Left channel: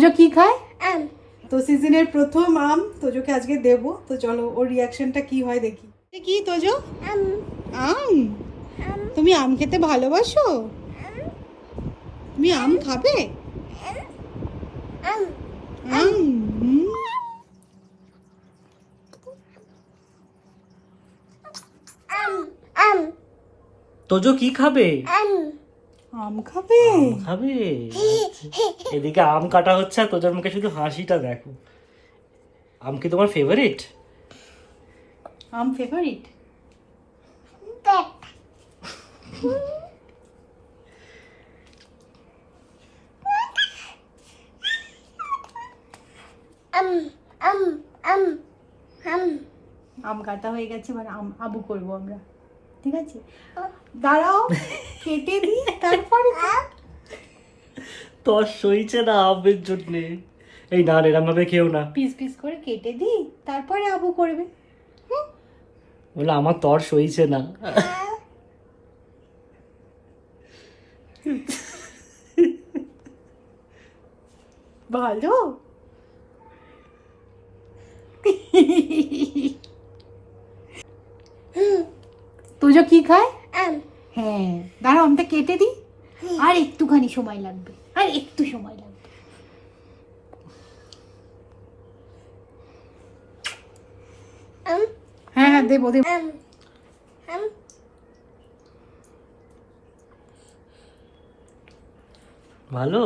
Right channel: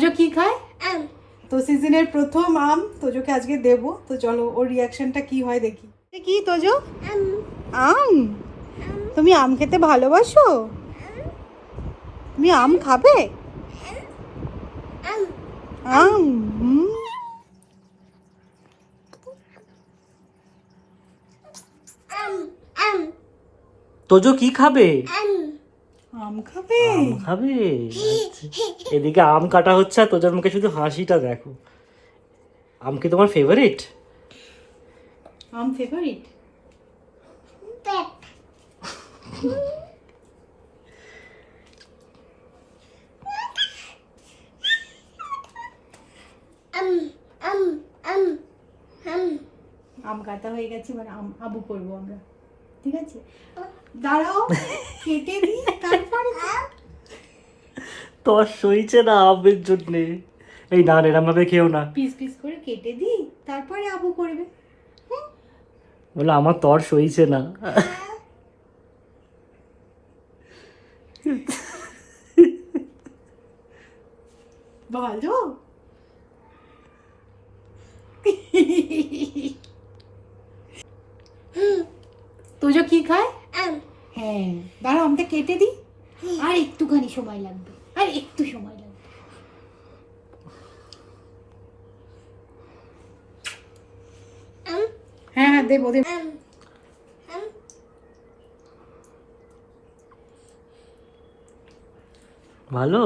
তোজো কি খায়? আম তো সিজনের প্রথম আম তোজোকে আজকে দেব, তো চলো ওর রিয়াকশনটা কি হয় দেখি। কি তোজো? আম আম? আম তুমি আম খেতে ভালোবাসো? তুমি আম খাবে? আম আম আম আম তোজো কি খাবে? আম আম খাবে? আম খাবে? এদিকে আম কাটা হচ্ছে আর তোজোর মুখে শুধু হাসিটা দেখো। আম কি তোমার ফেভারিট? আম ফেভারিট? পেপ আম আম আম আম আম কাটা হয়ে গেছে, মানে আম আবু করবো আমরা, ঠিক আছে? দাঁড়াও, কেটে দিই তারপরে। তোর সইছে না আমের জন্য। এই না এরম ভাবে খেও না। পিস পিস করে কেটে দিই তারপরে আবু করবে। বলে আমার তোর সইছে না। ভালো। তোজো কি খায়? আম হ্যাঁ, দাঁড়াও আমটা কেটে দিই, আর একটুখানি সময় লাগবে, আর একটু সময় লাগবে। আম হ্যাঁ হ্যাঁ দেবো দেবো। আম আম ভালো?